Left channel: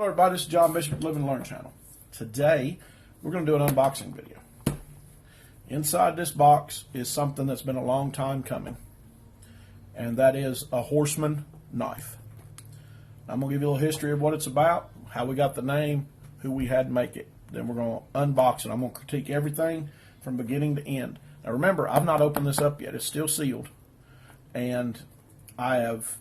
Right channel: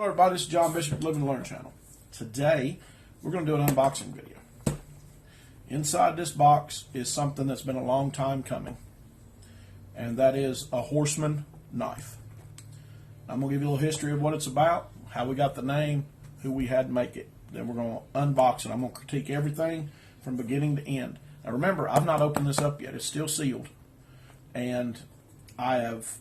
Hello everybody, this is John Bishop, Live and Learn channel. Today, we're going to do an unboxing video. Inside this box is something that's been a long time coming, and that is a Horseman knife. I'm going to give you a little history of what it's about, how we got the name, who we had make it. Then we're going to unbox it. I'm going to critique everything from beginning to end. Now remember, I've not opened this up yet. It's still sealed, and I have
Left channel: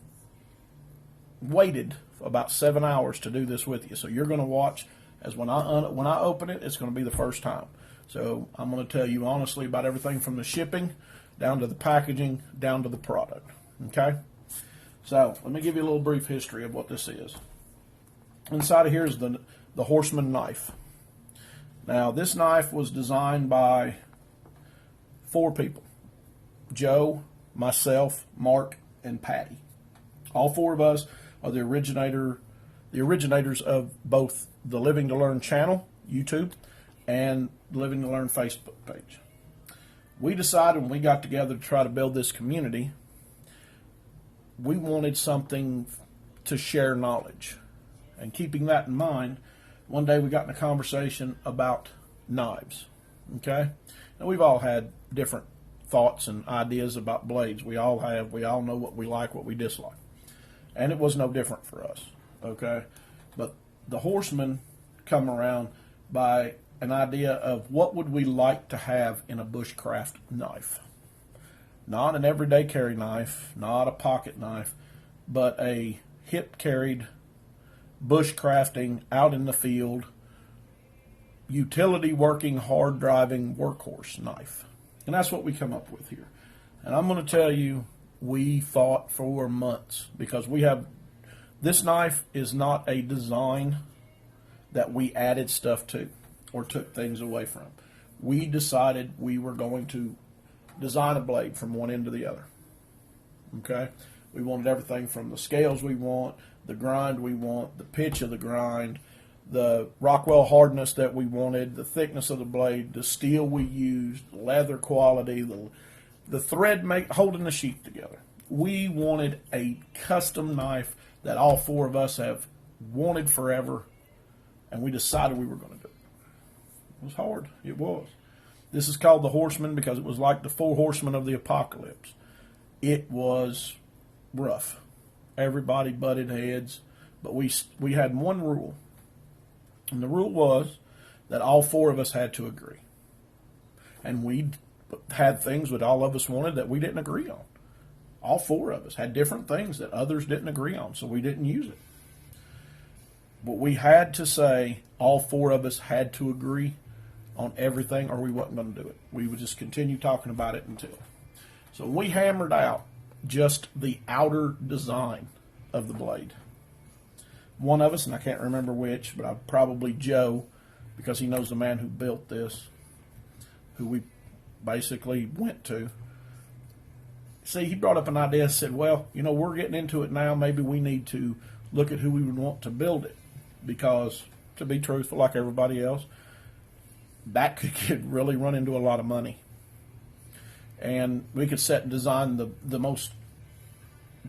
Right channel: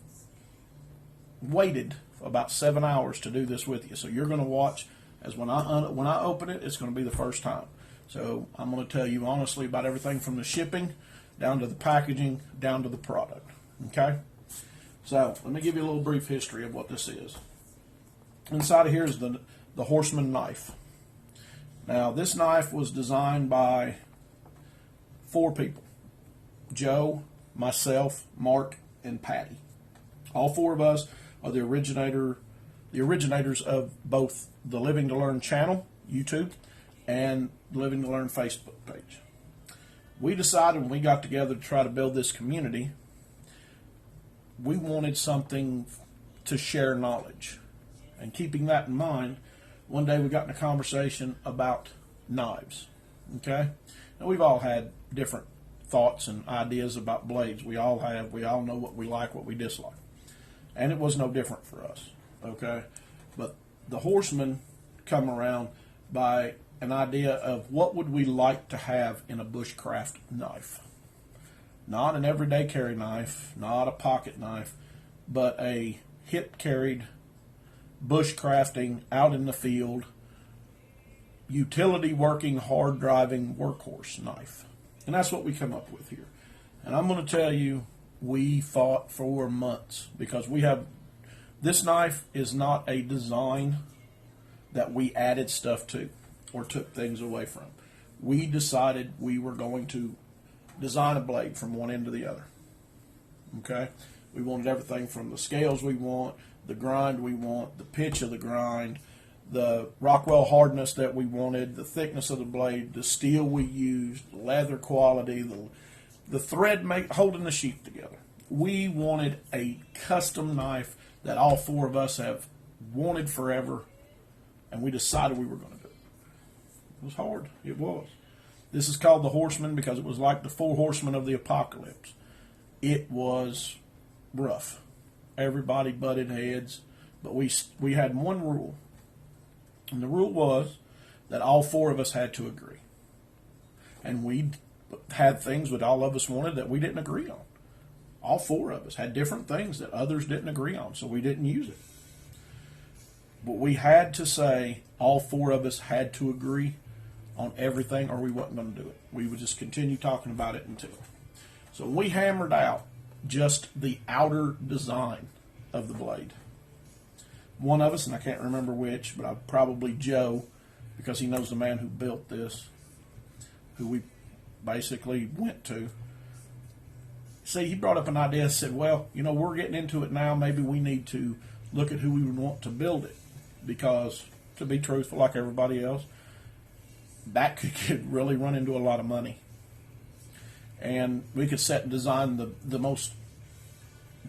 waited about 7 hours to do this with you. So you're going to watch as when I open it, it's going to be the first time. So I'm going to tell you honestly about everything from the shipping down to the packaging down to the product. Okay? So let me give you a little brief history of what this is. Inside of here is the Horseman knife. Now this knife was designed by 4 people: Joe, myself, Mark, and Patty. All 4 of us are the originators of both the Living to Learn channel, YouTube, and Living to Learn Facebook page. We decided when we got together to try to build this community, we wanted something to share knowledge. And keeping that in mind, one day we got in a conversation about knives. Okay? And we've all had different thoughts and ideas about blades. We all have. We all know what we like, what we dislike. And it was no different for us, okay? But the Horseman come around by an idea of what would we like to have in a bushcraft knife. Not an everyday carry knife, not a pocket knife, but a hip-carried, bushcrafting, out in the field, utility working, hard driving workhorse knife. And that's what we come up with here. And I'm going to tell you, we thought for months, because this knife is not a design that we added stuff to or took things away from. We decided we were going to design a blade from one end to the other. Okay? We wanted everything from the scales we want, the grind we want, the pitch of the grind, the Rockwell hardness that we wanted, the thickness of the blade, the steel we used, the leather quality, the thread holding the sheath together. We wanted a custom knife that all 4 of us have wanted forever, and we decided we were going to do it. It was hard. It was. This is called the Horseman because it was like the 4 horsemen of the apocalypse. It was rough. Everybody butted heads, but we had one rule, and the rule was that all 4 of us had to agree. And we had things that all of us wanted that we didn't agree on. All 4 of us had different things that others didn't agree on, so we didn't use it. But we had to say all 4 of us had to agree on everything, or we wasn't going to do it. We would just continue talking about it until. So we hammered out just the outer design of the blade. One of us, and I can't remember which, but probably Joe, because he knows the man who built this, who we basically went to. See, he brought up an idea and said, well, we're getting into it now. Maybe we need to look at who we would want to build it. Because, to be truthful, like everybody else, that could really run into a lot of money. And we could set and design the most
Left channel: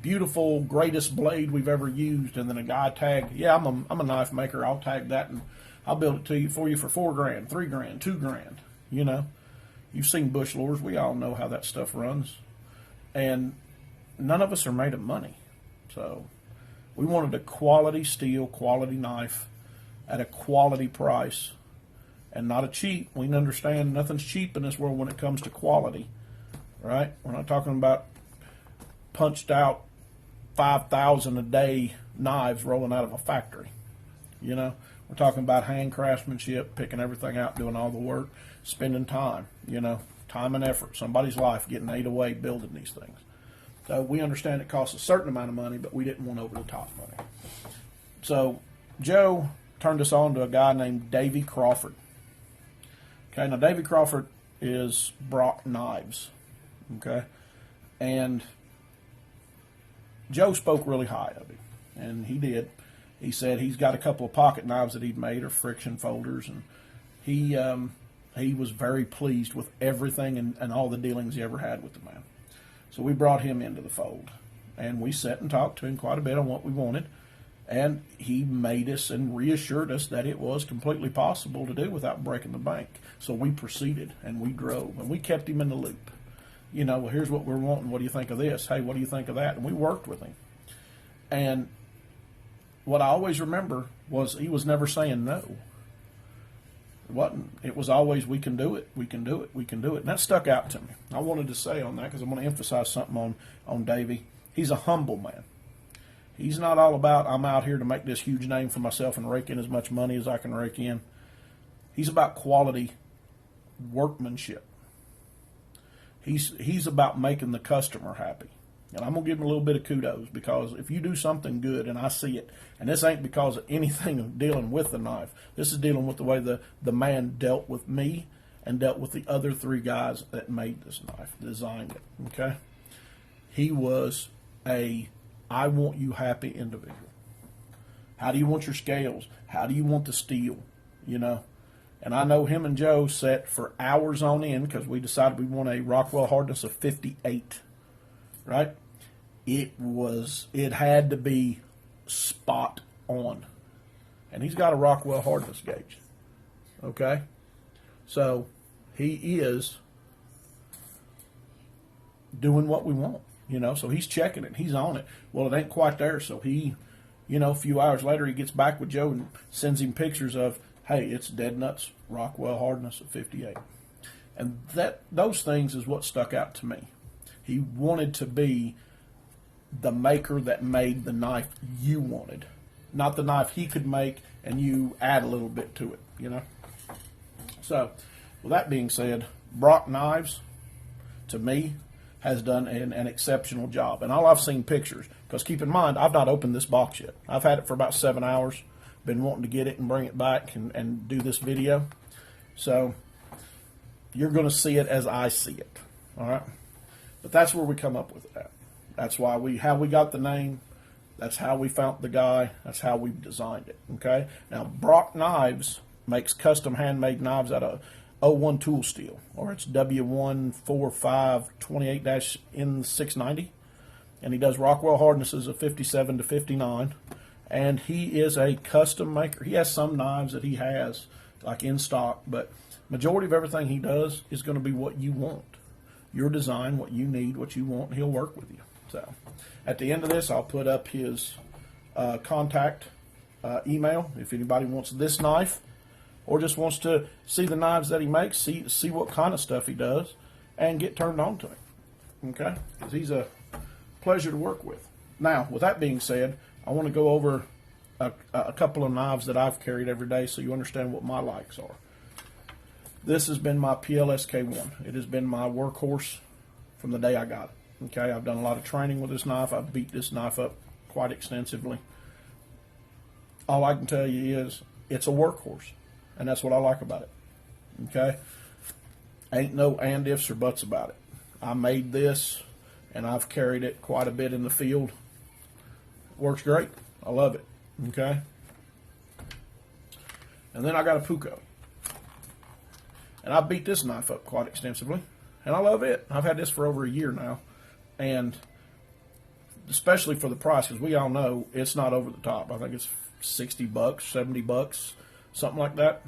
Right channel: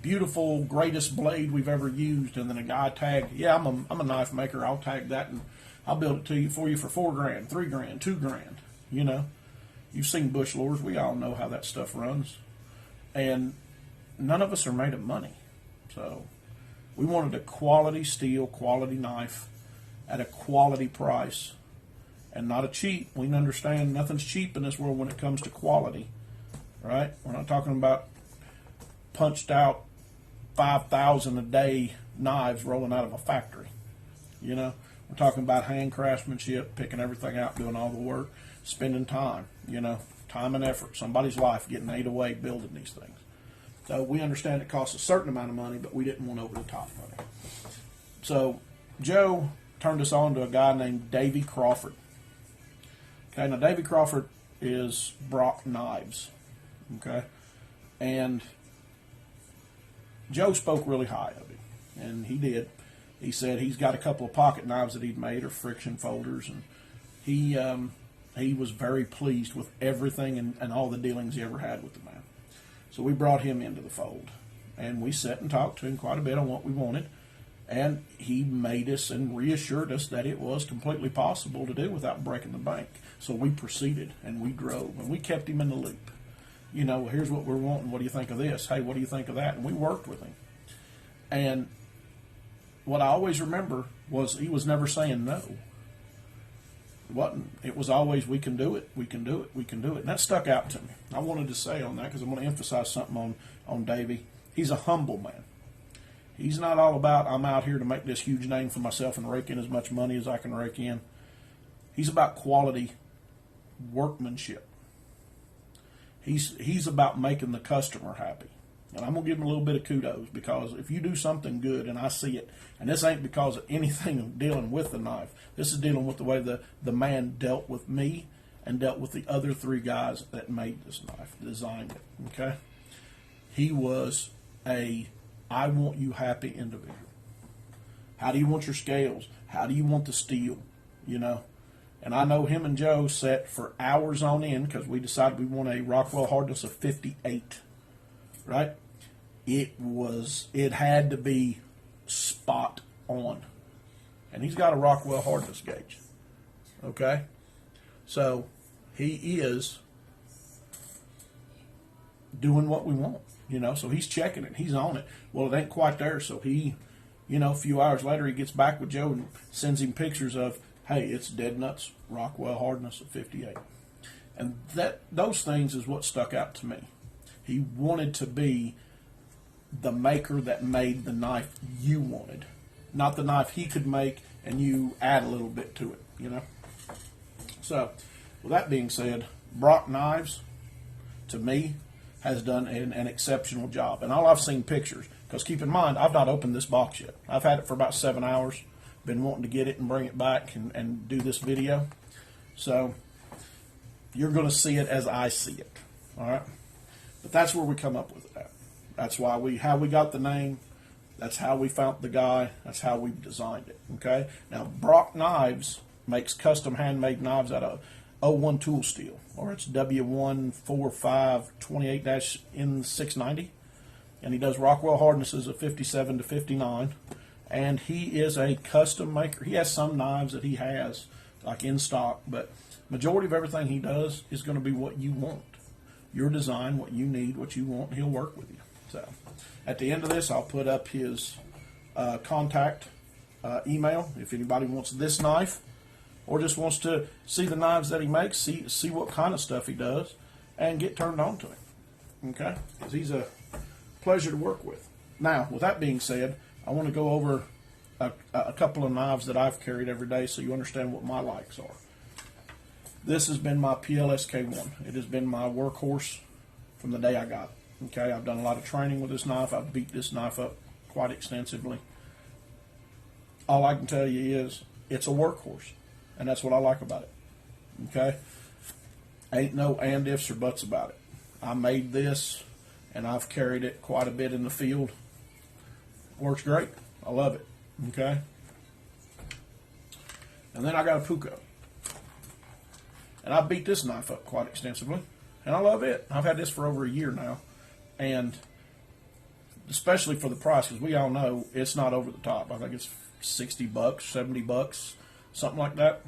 beautiful, greatest blade we've ever used. And then a guy tagged, yeah, I'm a knife maker. I'll tag that and I'll build it for you for $4,000, $3,000, $2,000, You've seen bush lures. We all know how that stuff runs. And none of us are made of money. So we wanted a quality steel, quality knife at a quality price and not a cheap. We understand nothing's cheap in this world when it comes to quality, right? We're not talking about punched out 5,000 a day knives rolling out of a factory. We're talking about hand craftsmanship, picking everything out, doing all the work, spending time, time and effort, somebody's life getting ate away building these things. So we understand it costs a certain amount of money, but we didn't want over the top money. So Joe turned us on to a guy named Davy Crawford. Okay, now Davy Crawford is BROC Knives. Okay, and Joe spoke really high of him, and he did. He said he's got a couple of pocket knives that he'd made, or friction folders, and he was very pleased with everything and all the dealings he ever had with the man. So we brought him into the fold, and we sat and talked to him quite a bit on what we wanted, And he made us and reassured us that it was completely possible to do without breaking the bank. So we proceeded and we drove and we kept him in the loop. You know, well, here's what we're wanting. What do you think of this? Hey, what do you think of that? And we worked with him. And what I always remember was he was never saying no. It wasn't. It was always, we can do it, we can do it, we can do it. And that stuck out to me. I wanted to say on that because I'm going to emphasize something on Davey. He's a humble man. He's not all about, I'm out here to make this huge name for myself and rake in as much money as I can rake in. He's about quality workmanship. He's about making the customer happy. And I'm going to give him a little bit of kudos, because if you do something good and I see it, and this ain't because of anything dealing with the knife. This is dealing with the way the man dealt with me and dealt with the other 3 guys that made this knife, designed it, okay? He was I want you happy individual. How do you want your scales? How do you want the steel? You know? And I know him and Joe sat for hours on end because we decided we want a Rockwell hardness of 58, right? It had to be spot on. And he's got a Rockwell hardness gauge, okay? So he is doing what we want. You know, so he's checking it. He's on it. Well, it ain't quite there. So he, you know, a few hours later, he gets back with Joe and sends him pictures of, hey, it's dead nuts, Rockwell hardness of 58. And those things is what stuck out to me. He wanted to be the maker that made the knife you wanted, not the knife he could make and you add a little bit to it, you know. So, with that being said, BROC Knives, to me, has done an exceptional job. And all I've seen pictures, because keep in mind, I've not opened this box yet. I've had it for about 7 hours, been wanting to get it and bring it back and do this video. So you're going to see it as I see it, all right? But that's where we come up with it at. That's how we got the name. That's how we found the guy. That's how we designed it, okay? Now, BROC Knives makes custom handmade knives out of 01 tool steel, or it's W14528-N690, and he does Rockwell hardnesses of 57 to 59, and he is a custom maker. He has some knives that he has like in stock, but majority of everything he does is going to be what you want, your design, what you need, what you want. He'll work with you. So at the end of this, I'll put up his contact email if anybody wants this knife, or just wants to see the knives that he makes, see what kind of stuff he does, and get turned on to him, okay? Because he's a pleasure to work with. Now, with that being said, I want to go over a couple of knives that I've carried every day so you understand what my likes are. This has been my PLSK1. It has been my workhorse from the day I got it, okay? I've done a lot of training with this knife. I've beat this knife up quite extensively. All I can tell you is it's a workhorse. And that's what I like about it, okay? Ain't no and ifs or buts about it. I made this, and I've carried it quite a bit in the field. Works great. I love it, okay? And then I got a Puko. And I beat this knife up quite extensively, and I love it. I've had this for over a year now, and especially for the price, because we all know it's not over the top. I think it's $60, $70, something like that,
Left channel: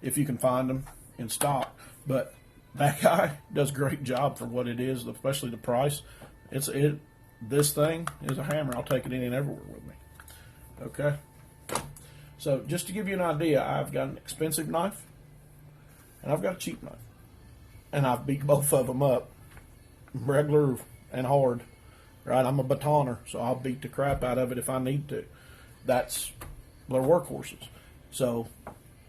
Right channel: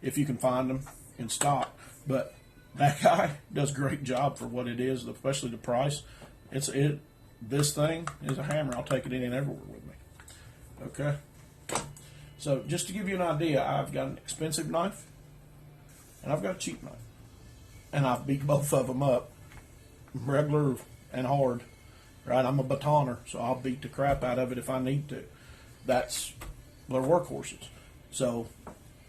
if you can find them in stock. But that guy does a great job for what it is, especially the price. This thing is a hammer. I'll take it in and everywhere with me. Okay? So just to give you an idea, I've got an expensive knife and I've got a cheap knife. And I've beat both of them up, regular and hard. Right? I'm a batoner, so I'll beat the crap out of it if I need to. That's their workhorses. So,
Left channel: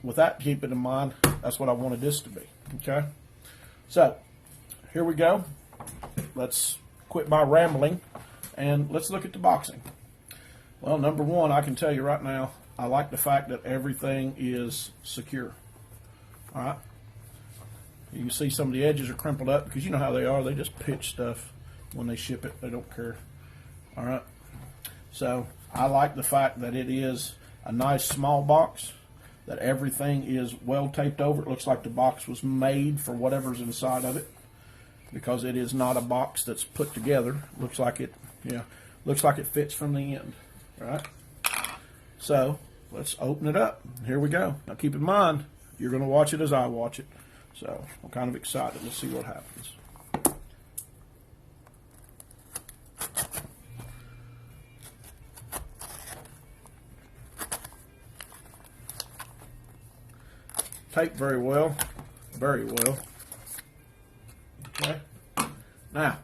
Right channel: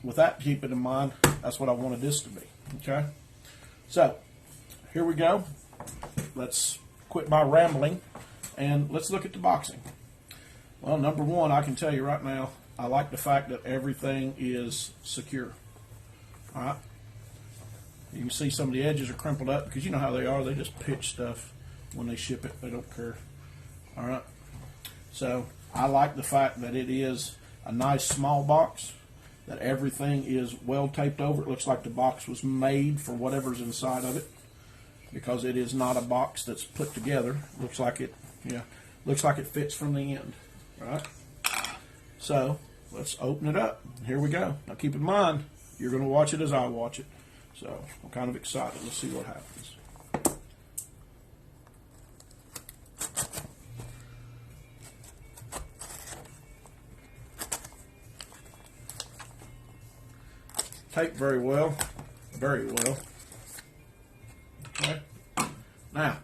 with that, keep it in mind, that's what I wanted this to be, okay? So, here we go. Let's quit my rambling, and let's look at the boxing. Well, number one, I can tell you right now, I like the fact that everything is secure, all right? You can see some of the edges are crumpled up, because you know how they are. They just pitch stuff when they ship it. They don't care, all right? So, I like the fact that it is a nice small box, that everything is well taped over. It looks like the box was made for whatever's inside of it, because it is not a box that's put together. Looks like it, looks like it fits from the end, right? So let's open it up. Here we go. Now keep in mind, you're going to watch it as I watch it. So I'm kind of excited. Let's see what happens. Taped very well. Very well. Okay. Now,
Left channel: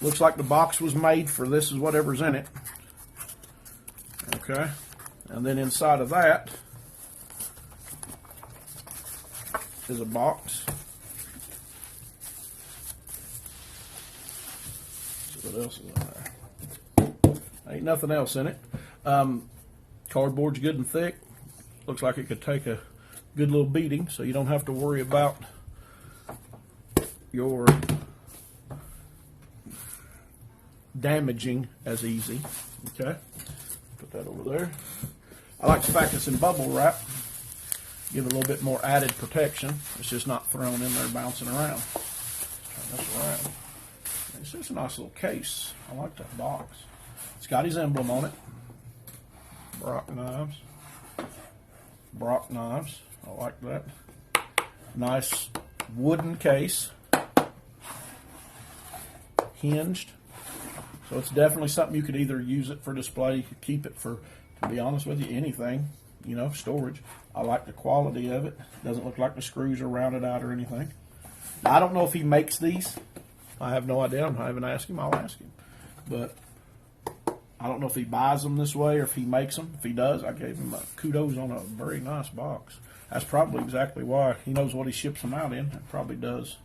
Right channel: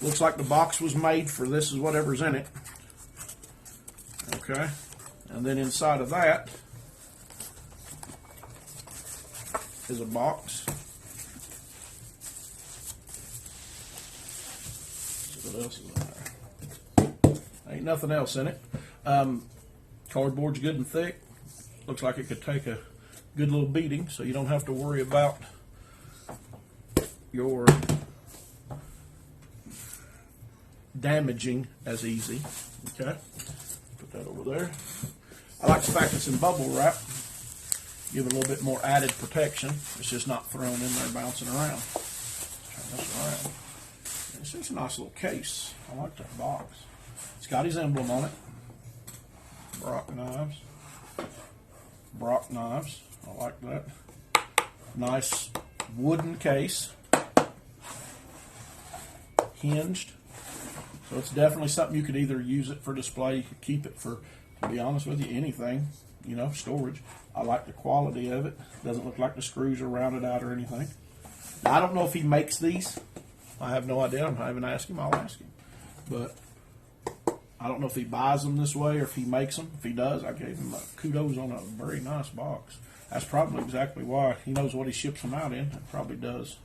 looks like the box was made for this is whatever's in it. Okay. And then inside of that is a box. What else is in there? Ain't nothing else in it. Cardboard's good and thick. Looks like it could take a good little beating, so you don't have to worry about your damaging as easy. Okay, put that over there. I like the fact it's in bubble wrap. Give it a little bit more added protection. It's just not thrown in there bouncing around. Let's turn this around. This is a nice little case. I like that box. It's got his emblem on it. BROC knives. BROC knives. I like that. Nice wooden case. Hinged. So it's definitely something you could either use it for display, you could keep it for, to be honest with you, anything, you know, storage. I like the quality of it. Doesn't look like the screws are rounded out or anything. Now, I don't know if he makes these. I have no idea. I haven't asked him. I'll ask him. But I don't know if he buys them this way or if he makes them. If he does, I gave him kudos on a very nice box. That's probably exactly why. He knows what he ships them out in. It probably does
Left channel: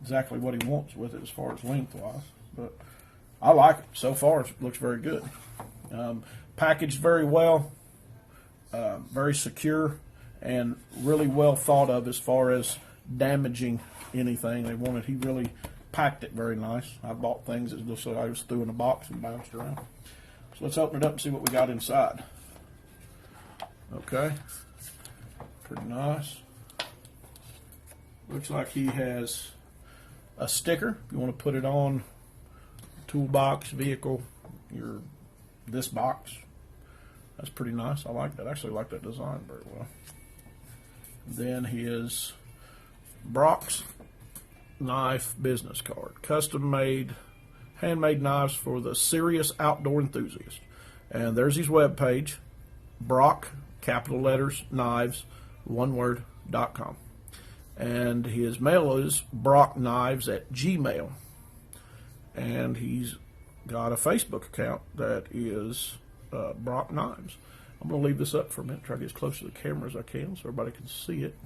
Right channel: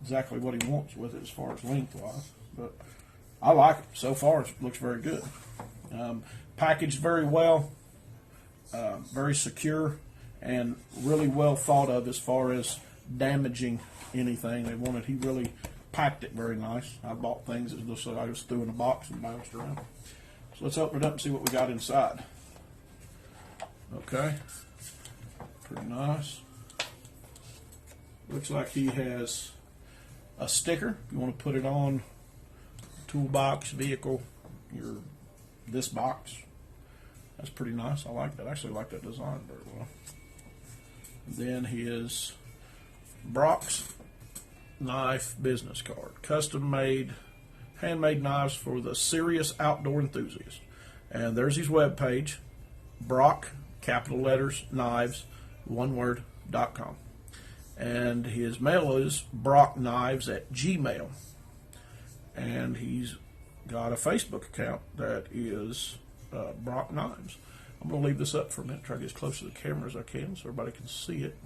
exactly what he wants with it as far as lengthwise. But I like it. So far, it looks very good. Packaged very well, very secure, and really well thought of as far as damaging anything they wanted. He really packed it very nice. I bought things that looked like I was threw in a box and bounced around. So let's open it up and see what we got inside. Okay. Pretty nice. Looks like he has a sticker. If you want to put it on toolbox, vehicle, this box. That's pretty nice. I like that. I actually like that design very well. Then his BROC's knife business card. Custom made, handmade knives for the serious outdoor enthusiast. And there's his webpage, BROC, capital letters, knives, one word.com. And his mail is brockknives@gmail. And he's got a Facebook account that is BROC Knives. I'm going to leave this up for a minute, try to get as close to the camera as I can so everybody can see it.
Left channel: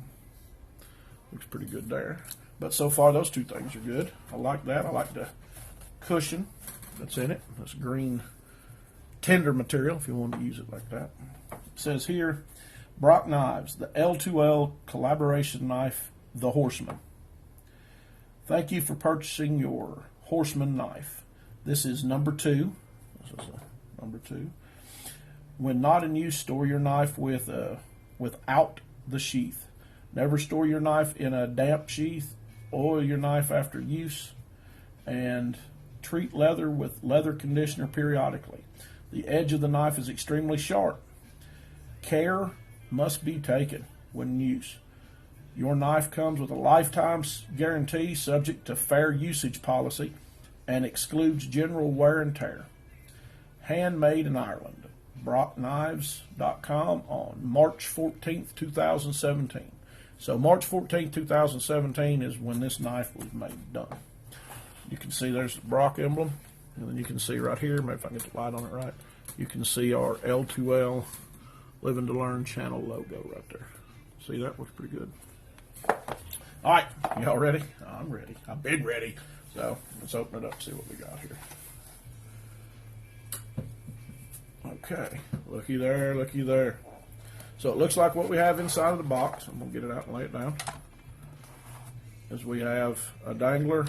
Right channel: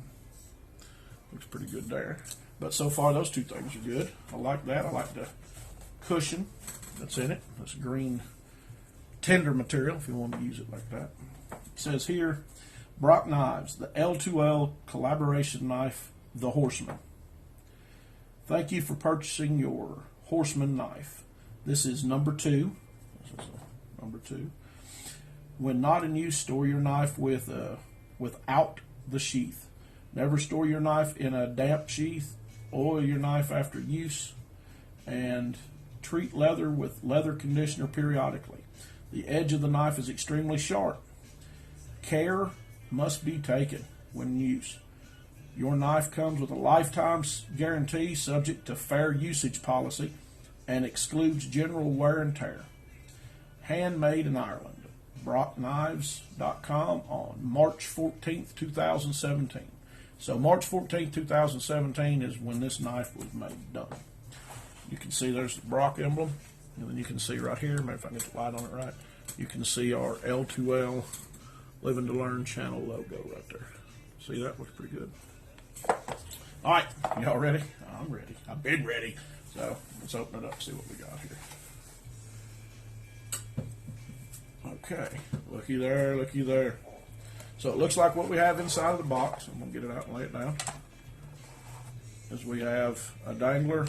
Looks pretty good there. But so far, those two things are good. I like that. I like the cushion that's in it. This green tender material, if you want to use it like that. It says here, BROC Knives, the L2L collaboration knife, the Horseman. Thank you for purchasing your Horseman knife. This is number 2. This is number 2. When not in use, store your knife without the sheath. Never store your knife in a damp sheath. Oil your knife after use. And treat leather with leather conditioner periodically. The edge of the knife is extremely sharp. Care must be taken when in use. Your knife comes with a lifetime guarantee subject to fair usage policy and excludes general wear and tear. Handmade in Ireland. BROCKKnives.com on March 14th, 2017. So March 14th, 2017 is when this knife was made done. You can see there's the BROC emblem. And then you can see right here, maybe if I can get the light on it right, you can see our L2L Living to Learn channel logo right there. See, that looks pretty good. All right, y'all ready? I'm ready. I'm big ready. So let's open it up and see what we got here. Okay, looky there, looky there. So it looks like what we have inside of the box. I'm going to get it out and lay it down. Is we have a dangler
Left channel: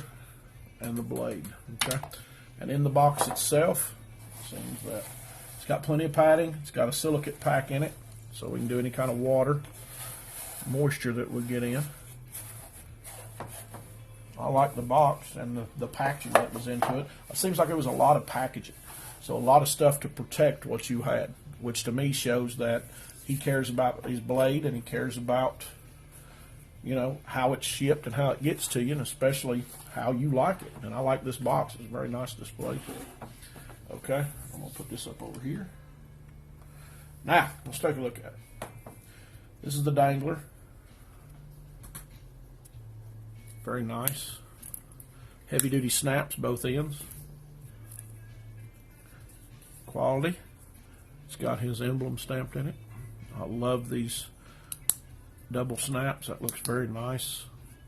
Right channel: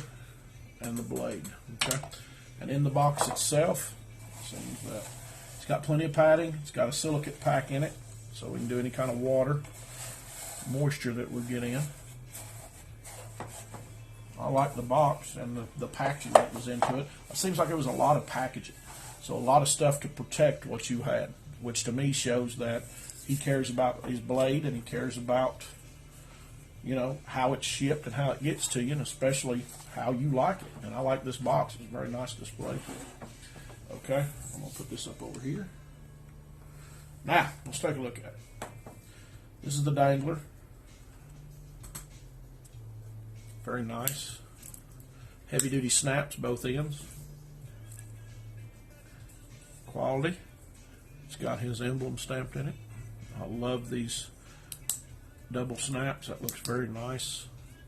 and the blade. Okay, and in the box itself, it's got plenty of padding. It's got a silicate pack in it, so we can do any kind of water, moisture that we get in. I like the box and the packaging that was into it. It seems like it was a lot of packaging. So a lot of stuff to protect what you had. which to me shows that he cares about his blade and he cares about, you know, how it's shipped and how it gets to you, and especially how you like it. And I like this box. It's a very nice display. Okay, I'm going to put this up over here. Now, let's take a look at it. This is the dangler. Very nice. Heavy duty snaps, both ends. Quality. It's got his emblem stamped in it. I love these double snaps. That looks very nice.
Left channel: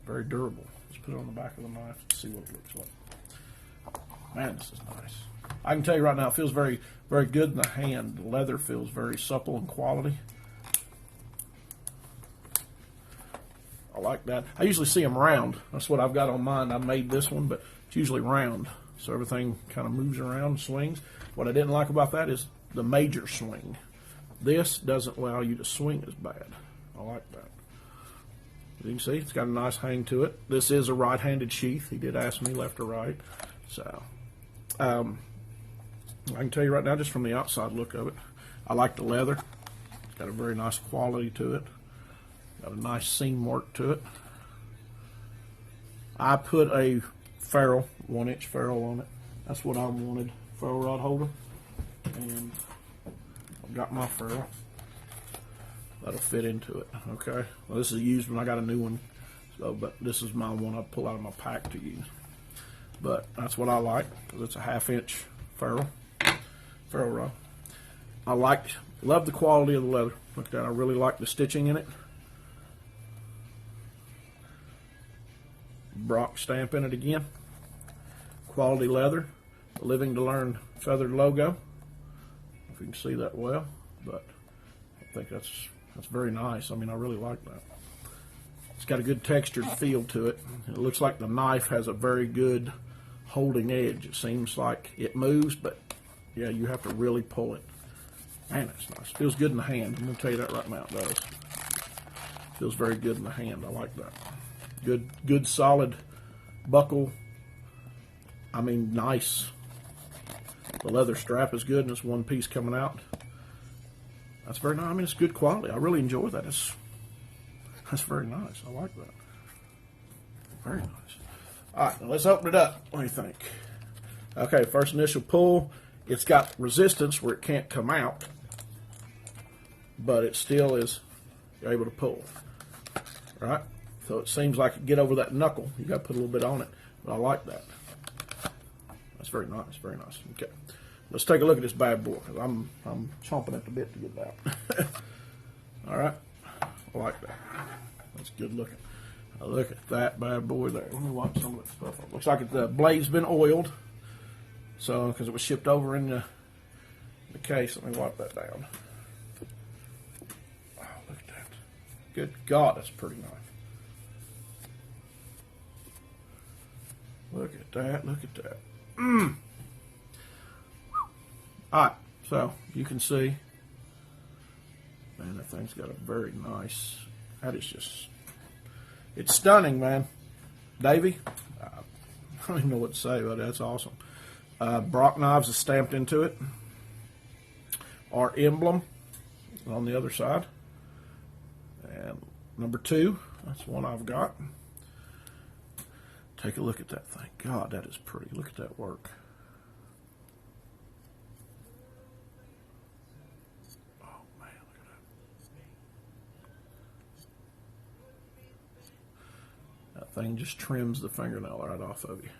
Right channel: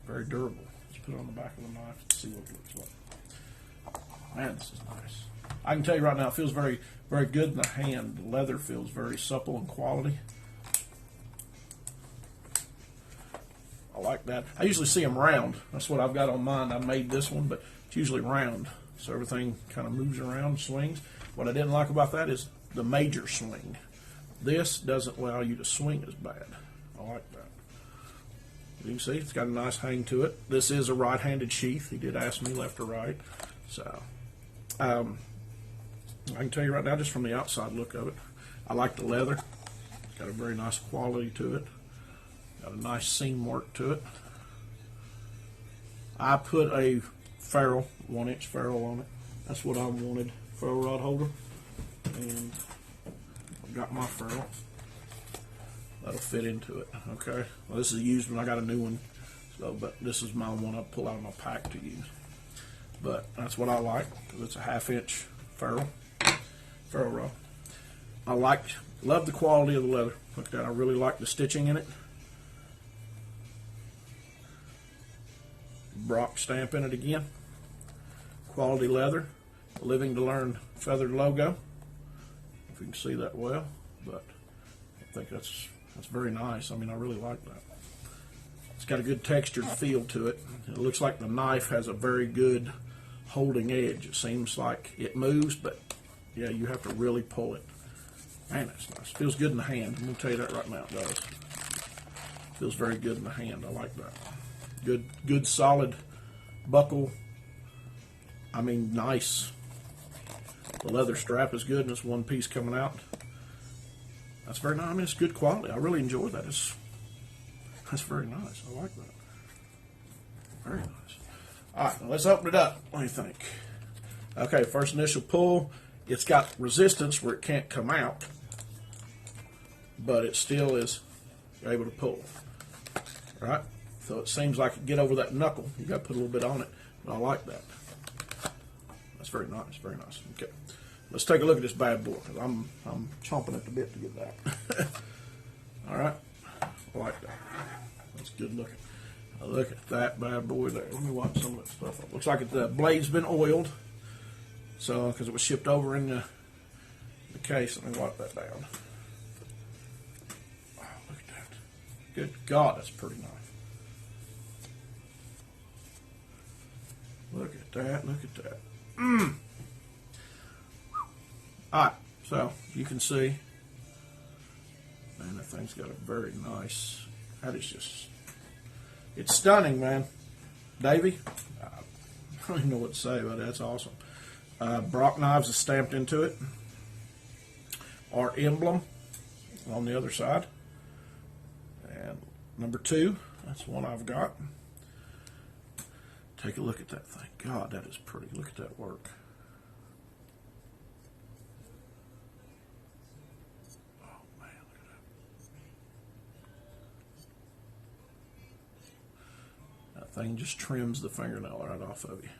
Very durable. Let's put it on the back of the knife and see what it looks like. Man, this is nice. I can tell you right now, it feels very, very good in the hand. The leather feels very supple and quality. I like that. I usually see them round. That's what I've got on mine. I made this one, but it's usually round. So everything kind of moves around and swings. What I didn't like about that is the major swing. This doesn't allow you to swing as bad. I like that. You can see it's got a nice hang to it. This is a right-handed sheath. He did ask me left or right. So, I can tell you right now, just from the outside look of it, I like the leather. It's got a very nice quality to it. Got a nice seam work to it. I put a ferrule, 1-inch ferrule on it. That's what I wanted, ferrule rod holder. And I've got my ferrule. That'll fit into it, okay? Well, this is a used one. I got a new one. So, but this is my one I pull out of my pack to use. But that's what I like. It's a 1/2-inch ferrule rod. Love the quality of the leather. Look at that. I really like the stitching in it. BROC stamp in it again. Quality leather. Living to Learn feathered logo. If you can see that well, but I think that's very nice. I mean, I really like that. It's got a good textured feel to it. It looks like the knife has a very good holding edge. It seems like it moves, but yeah, you have to really pull it. Man, it's nice. Feels good in the hand. I'm going to tell you that right now, guys. Feels very good in the hand. I like that. Good solid buckle. I mean, nice. The leather strap is good, and it's one piece coming out. That's very nice. I mean, it's good quality. I really enjoy that. That's very nice. I like that. Very nice. All right, now let's open it up. What do you think? Okay, first initial pull. It's got resistance where it can't come out, but it still is able to pull. Right? So it seems like you get over that knuckle. You got to put a little bit on it, but I like that. That's very nice. Very nice. Okay, let's take a look at this bad boy. I'm chomping at the bit to get it out. All right, I like that. That's good looking. Now look at that bad boy there. Let me wipe some of that stuff up. Looks like the blade's been oiled, so because it was shipped over in the case. Let me wipe that down. Oh, look at that. Good God, that's pretty nice. Look at that. Look at that. Alright, so you can see, man, that thing's got a very nice, that is just, it's stunning, man. Davey, I don't even know what to say about it. That's awesome. BROC knives is stamped into it. Our emblem on the other side. And number 2, that's the one I've got. Take a look at that thing. God, that is pretty. Look at that work. Oh, man, look at that. That thing just trims the fingernail right off of you.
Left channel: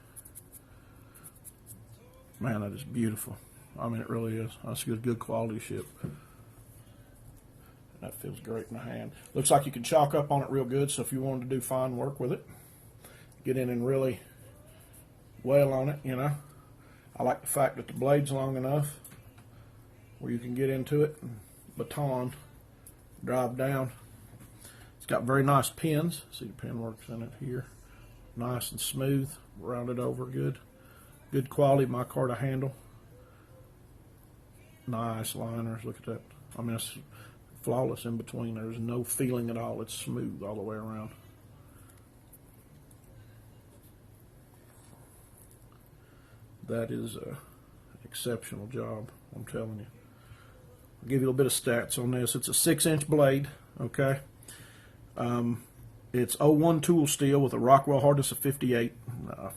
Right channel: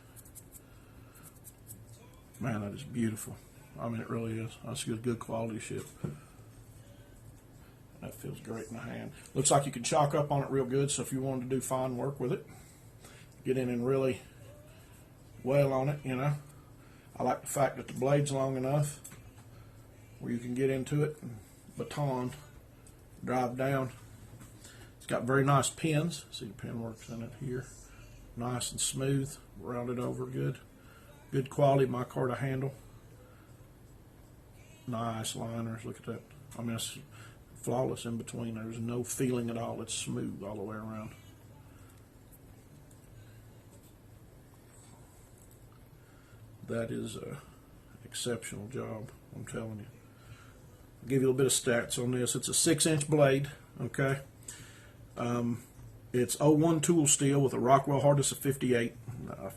Man, that is beautiful. I mean, it really is. That's good quality shit. That feels great in the hand. Looks like you can chalk up on it real good, so if you wanted to do fine work with it, get in and really well on it, you know. I like the fact that the blade's long enough where you can get into it and baton, drive down. It's got very nice pins. See the pin works in it here. Nice and smooth, rounded over good. Good quality micarta handle. Nice liners, look at that. I mean, it's flawless in between. There's no feeling at all. It's smooth all the way around. That is a exceptional job, I'm telling you. give you a little bit of stats on this. It's a 6-inch blade, okay? It's 01 tool steel with a Rockwell hardness of 58,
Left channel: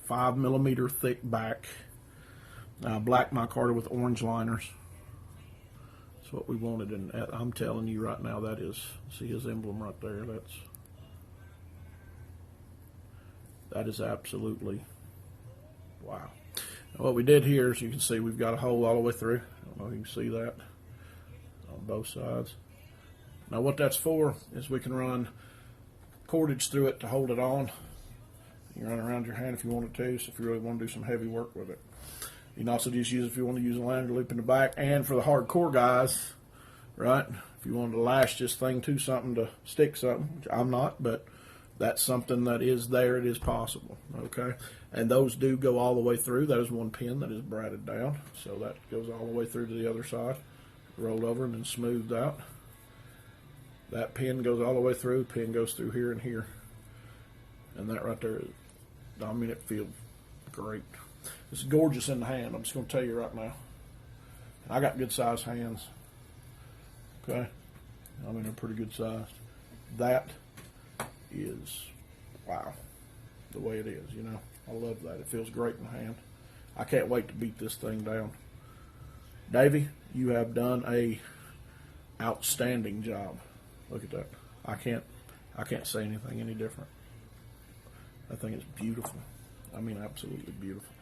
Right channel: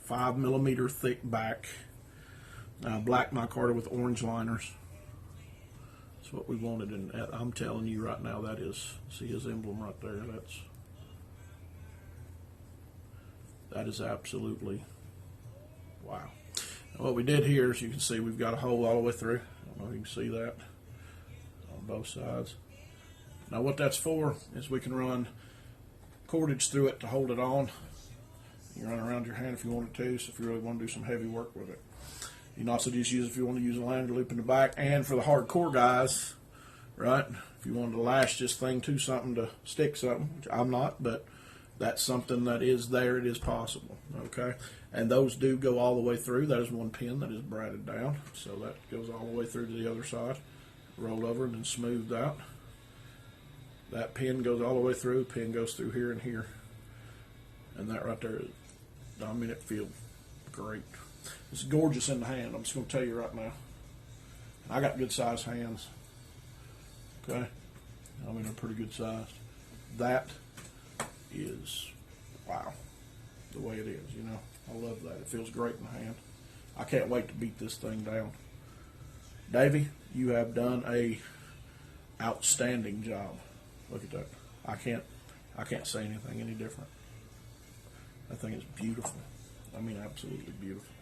5 millimeter thick back, black micarta with orange liners. That's what we wanted, and I'm telling you right now, that is, see his emblem right there, that is absolutely wow. And what we did here is, you can see we've got a hole all the way through. I don't know if you can see that on both sides. Now what that's for is we can run cordage through it to hold it on. You can run around your hand if you wanted to, so if you really want to do some heavy work with it. You can also just use it if you want to use a lanyard loop in the back, and for the hardcore guys, right, if you wanted to lash this thing to something to stick something, which I'm not, but that's something that is there, it is possible, okay? And those do go all the way through. There's one pin that is braided down, so that goes all the way through to the other side, rolled over and then smoothed out. That pin goes all the way through, pin goes through here and here. And that right there, I mean, it feels great. It's gorgeous in the hand, I'm just going to tell you right now. I got good sized hands, okay? I mean, they're pretty good size. That is, wow, the way it is, you know. I love that. It feels great in the hand. I can't wait to beat this thing down. Davey, you have done a outstanding job. Look at that. I can't say anything any different. That thing is beautiful. I mean, absolutely beautiful.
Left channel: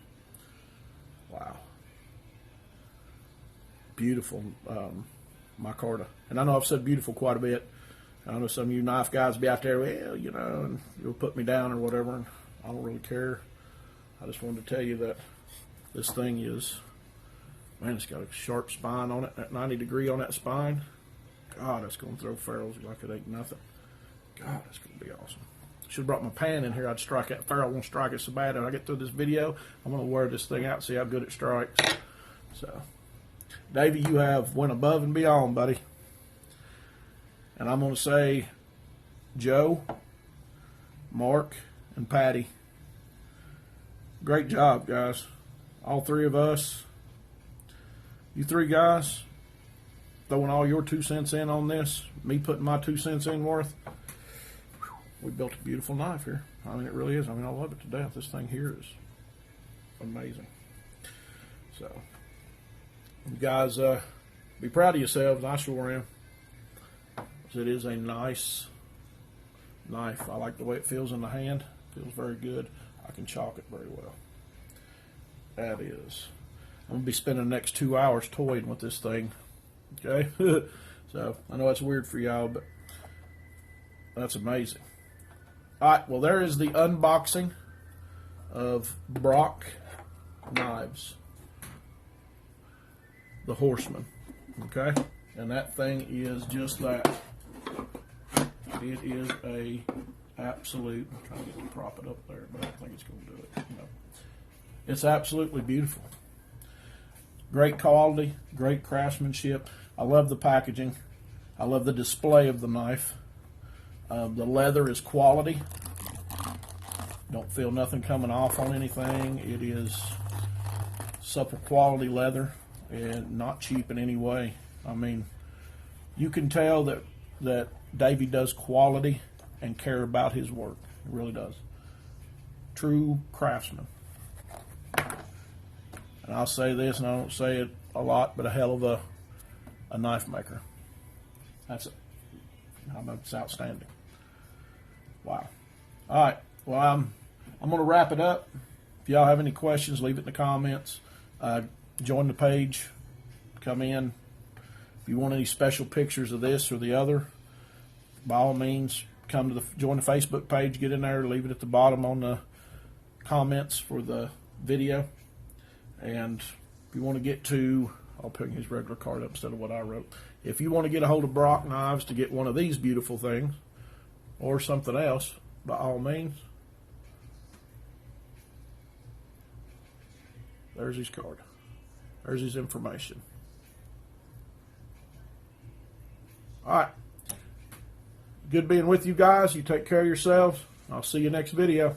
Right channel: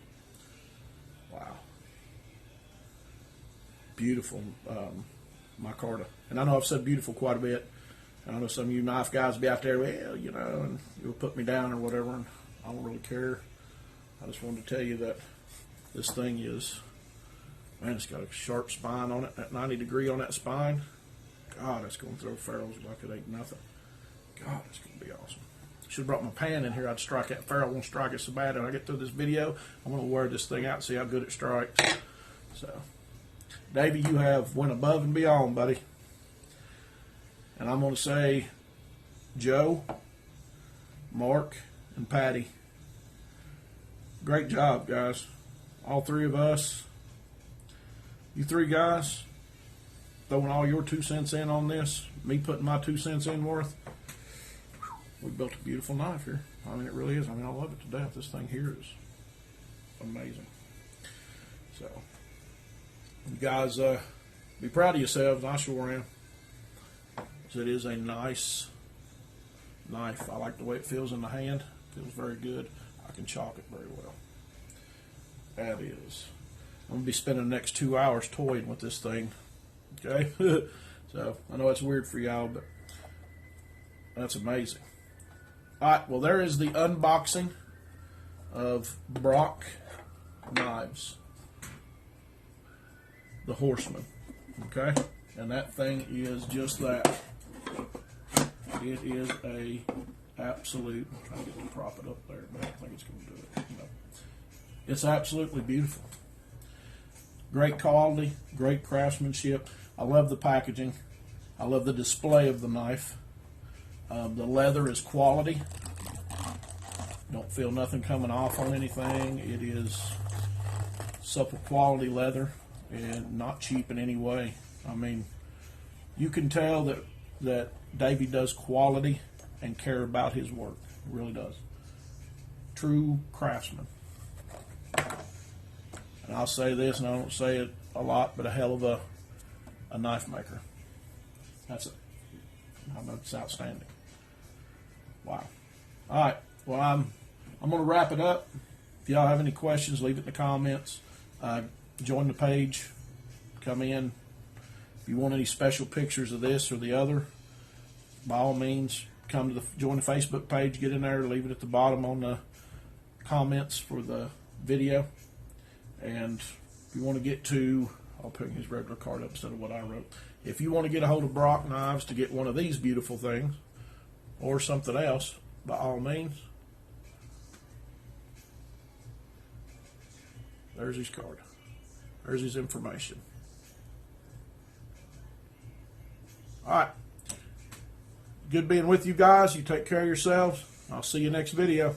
Wow. Beautiful micarta. And I know I've said beautiful quite a bit. I know some of you knife guys be out there, well, you know, and you'll put me down or whatever, and I don't really care. I just wanted to tell you that this thing is, man, it's got a sharp spine on it, that 90 degree on that spine. God, it's going to throw ferrules like it ain't nothing. God, it's going to be awesome. Should have brought my pan in here. I'd strike that ferrule. I won't strike it so bad. When I get through this video, I'm going to wear this thing out and see how good it strikes. So, Davey, you have went above and beyond, buddy. And I'm going to say, Joe, Mark, and Patty, great job, guys. All three of us. You three guys, throwing all your 2 cents in on this, me putting my 2 cents in worth, we built a beautiful knife here. I mean, it really is. I mean, I love it to death. This thing here is amazing. So, you guys, be proud of yourselves. I sure am. So it is a nice knife. I like the way it feels in the hand. It feels very good. I can chop it very well. That is. I'm going to be spending the next 2 hours toying with this thing. Okay? So, I know it's weird for y'all, but that's amazing. Alright, well, there is the unboxing of BROC knives. The Horseman. Okay? And that thing is just that. It is a absolute, I get to prop it up there, but I don't think it's going to do it. You know. It's absolutely beautiful. Great quality, great craftsmanship. I love the packaging. I love the display of the knife. The leather is quality. Don't feel nothing coming off on anything. It is supple quality leather and not cheap in any way. I mean, you can tell that Davey does quality and care about his work. He really does. True craftsman. And I'll say this, and I don't say it a lot, but a hell of a knife maker. That's it. It's outstanding. Wow. All right. Well, I'm going to wrap it up. If y'all have any questions, leave it in the comments. Join the page. Come in. If you want any special pictures of this or the other, by all means, come to join the Facebook page. Get in there. Leave it at the bottom on the comments for the video. And if you want to get to, I'll put his regular card up instead of what I wrote. If you want to get a hold of BROC Knives to get one of these beautiful things or something else, by all means, there's his card. There's his information. All right. Good being with you guys. You take care of yourselves. I'll see you next video.